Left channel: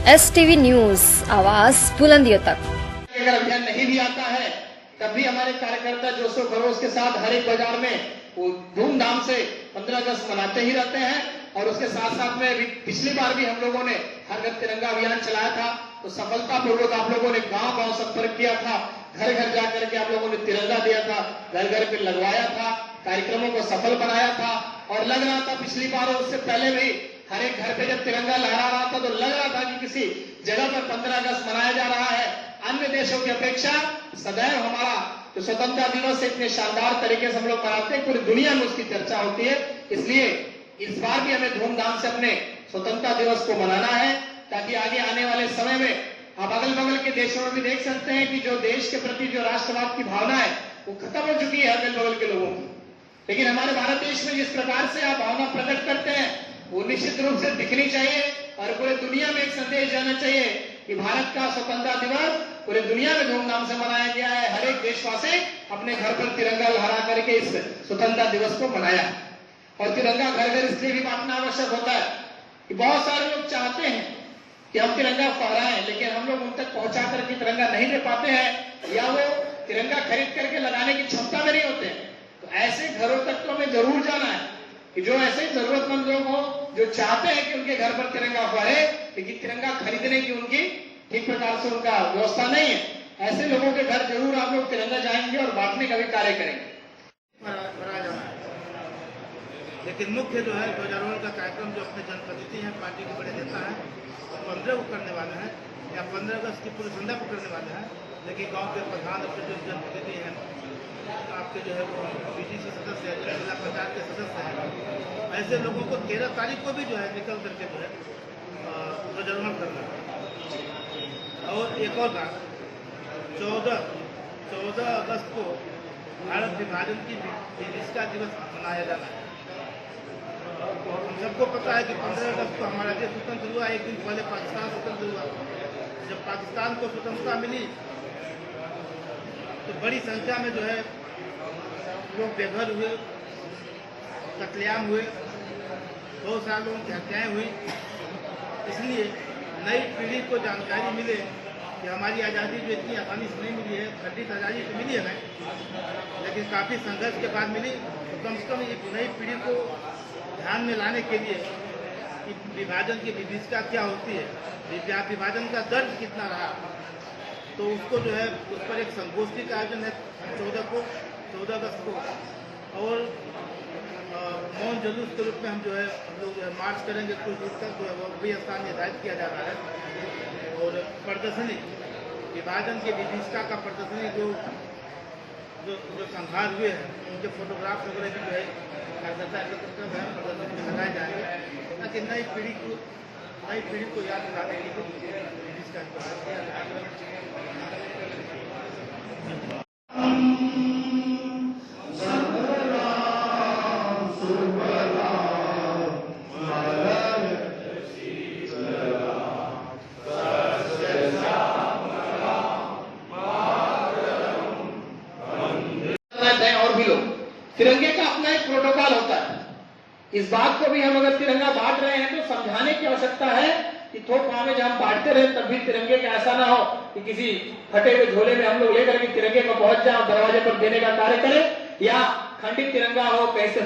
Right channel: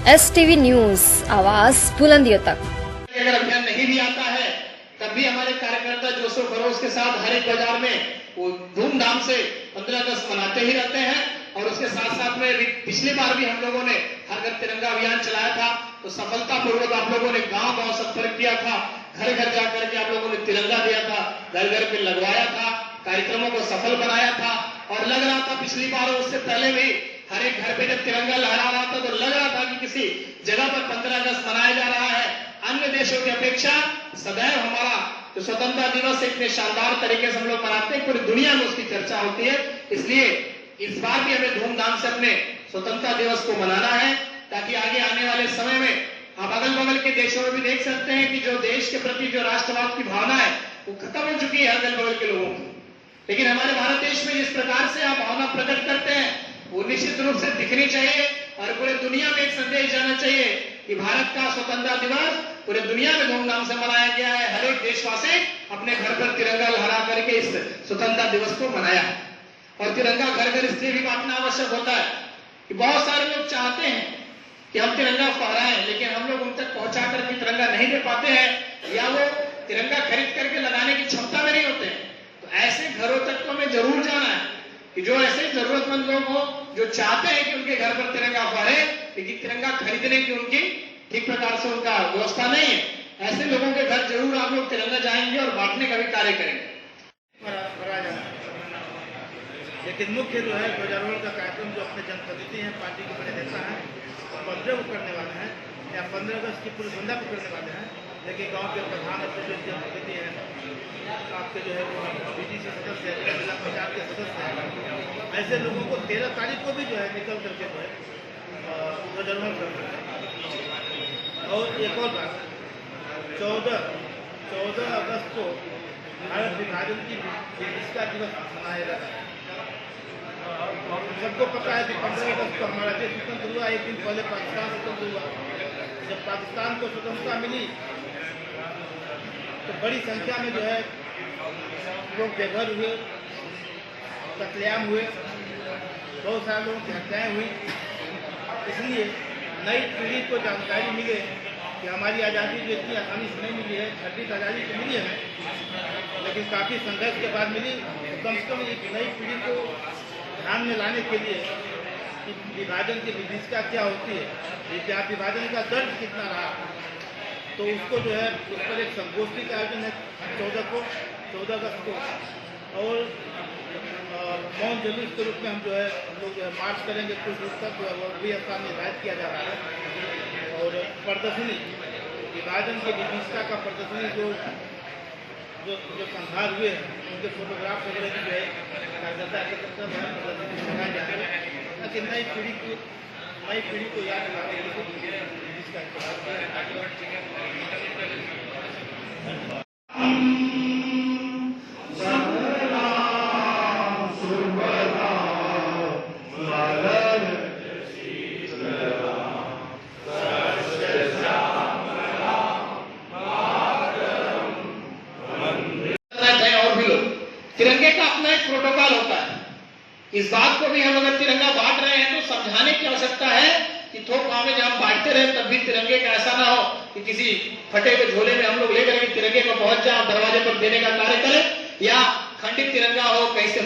STV news, आवाज बुलंदियों तक। अगर अभियान नहीं भी आता है तब भी हमारे कार्यकर्ता जोशो खरोश के साथ हर एक बाजार में धूमधाम से 15 अगस्त मनाते ही रहते हैं। और उसके साथ साथ में पिछली बार भी हम लोगों ने हर घर तिरंगा अभियान चलाया था, तो सफलतापूर्वक आप लोगों ने गांव-गांव संपर्क किया था, घर घर जाकर के आप लोगों ने तिरंगा दिया था, घर घर पे लगवाया था, कार्यक्रमों को सफल बनाया था। और लग रहा था पिछली बार और उससे पहले भी हर एक घर पे जब तिरंगा लहरा रहा था तो लग रहा था कि किसी जगह पर 15 अगस्त मनाया जा रहा है। अन्य देशों की अपेक्षा सदैव हमारा जो स्वतंत्रता दिवस इतने शानदार तरीके से हम लोग मनाते हैं, पूरी दुनिया में उसकी चर्चा होती है। इसलिए इस बार भी हमें धूमधाम से अपने स्वतंत्रता दिवस को मनाना है, ताकि आगे आने वाले समय में आप अगल बगल के देशों में भी देख सकते हैं कि जो देश के प्रति जो राष्ट्रवाद की भावना है वो खत्म हो चुकी है अगल बगल के लोगों की। लेकिन हमारे भारत देश में जिस प्रकार से आप भावना प्रकट करते हैं वो निश्चित रूप से दिखनी चाहिए और पूरे दुनिया में एक संदेश जाना चाहिए कि भारत का स्वतंत्रता दिवस पूरे दुनिया में धूमधाम से मनाया गया है। हर एक देशवासी अपने घर पर तिरंगा लहरा करके इस स्वतंत्रता दिवस को मनाया। और तिरंगा घर घर इसलिए भी बांटना आवश्यक होता है कि बहुत सारे लोग चाहते हैं कि हम तिरंगा फहराएं, लेकिन हम लोग उन तक पहुंचा करके तिरंगा नहीं दे पाते हैं या वो तिरंगा खरीद करके लगाने की क्षमता में नहीं होते। तो ऐसे घरों तक तो हमें जरूर जाना है कि जो ऐसे जरूरतमंद लोग हो जो चाहते हैं कि उनके घर पर तिरंगा फहरे, लेकिन तिरंगा खरीदने की उनकी ठीक प्रकार से उनका व्यवस्था नहीं है, ऐसे लोगों के घर जरूर आप लोग तिरंगा जाएंगे और बांटने का भी कार्य करेंगे। लेकिन मुख्य जो है ध्वजारोहण का कार्यक्रम जो अपने जनप्रतिनिधि हैं, पार्टी के बड़े नेता हैं, 15 को करने वाले हैं या 15 अगस्त की पूरी संध्या को करने वाले हैं। लेकिन गांव के प्रधान जनप्रतिनिधि हैं, आपके जो है वो BDC सदस्य है, जिला पंचायत के सदस्य हैं, ऐसे लोगों को 13 तारीख को भी जो है निकल करके जो है ध्वजारोहण करना है। और एक और बात, 14 अगस्त को भारत विभाजन की विशिष्टता दिवस मनाया जाता है। सबको पता है कि 15 अगस्त को हमारा देश स्वतंत्र हुआ। एक दिन पहले पाकिस्तान स्वतंत्र हुआ। जब पाकिस्तान को स्वतंत्रता मिली तो बड़ी संख्या में जो है लोग बेघर हुए, कत्लेआम हुए, बहुत सारे लोगों की हत्याएं हुई। इसलिए नई पीढ़ी को जानकारी मिले कि हमारी आज़ादी जो इतनी आसानी से नहीं मिली है, 26 आज़ादी तो मिली है लेकिन काफ़ी संघर्ष के बाद मिली। तो कम से कम एक नई पीढ़ी को ध्यान में लाने के लिए कि विभाजन की विशिष्टता क्या होती है, विभाजन का दर्द कितना रहा, तो उसको जो है उस पर एक संगोष्ठी का आयोजन है 14 अगस्त को। और मौन जुलूस के रूप में हम लोग जो है मार्च करेंगे कुछ दूर तक, जो है वो भी स्थान निर्धारित किया जा रहा है। और प्रदर्शनी, विभाजन की विशिष्टता का प्रदर्शनी जो संहार हुए हैं उनके फोटोग्राफ वगैरह भी जो है दिखाए जा रहे हैं, ताकि नई पीढ़ी को याद दिलाने के लिए और भी लोग तिरंगे का अपना एक प्रोटोकॉल होता है। इस बात को भी हम अगर तिरंगा बांट रहे हैं तो समझाने की आवश्यकता है कि थोक भाव में जब हम बांटते रहे तब भी तिरंगे का ऐसा ना हो कि किसी फटे हुए झोले में हम लोग लेकर के तिरंगे पर पहुंच जाए, दरवाजे पर देने का कार्य करें, या खंडित तिरंगा हो, कहीं से